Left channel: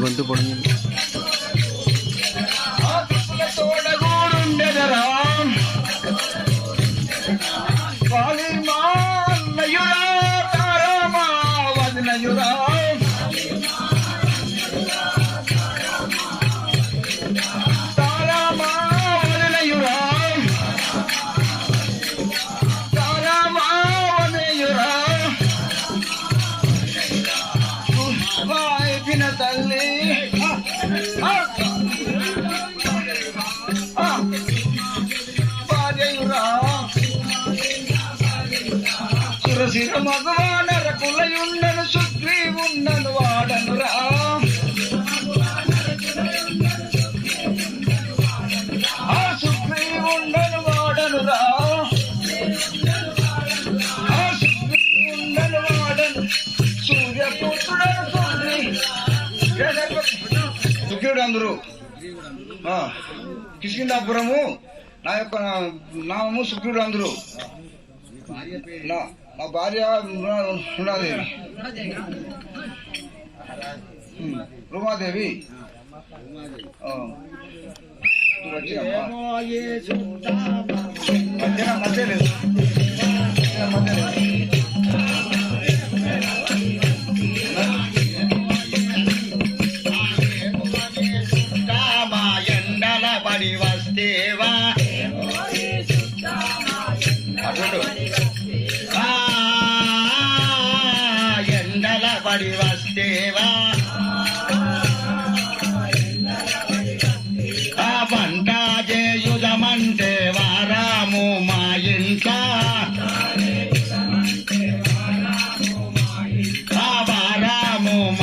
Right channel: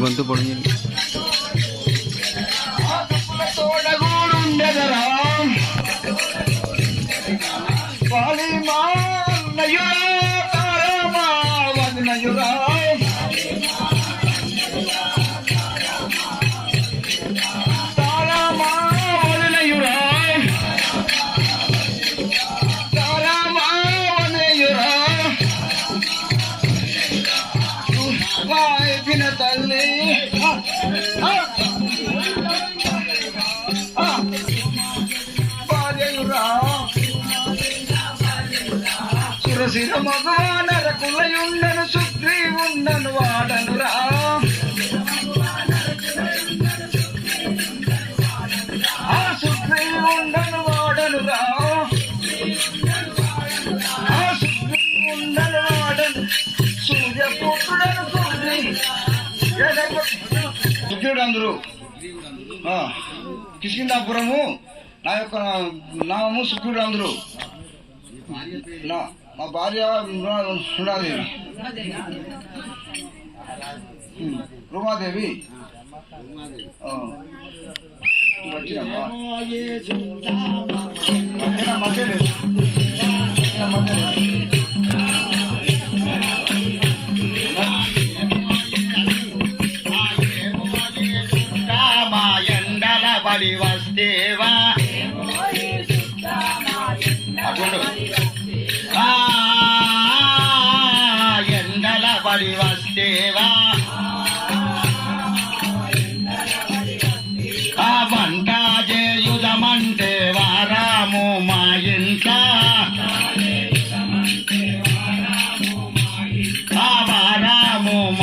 గొంతు పొడిగింది. తల్లి సురసిర మగవానర కులయుండను సుగ్రీవుండను వాడనురా సుగ్రీవుండను వాడనురా సుగ్రీవుండను వాడను సూర్యపుత్రుడను సుగ్రీవుడు అందరూ కిష్కిందాపురము నా యొక్క నామము సుగ్రీవుడు అందరూ మా భార్య సుడాదేవి రుమాదేవి మధ్య లేదు పడి వస్తేవా ఎండల పడి వస్తేవా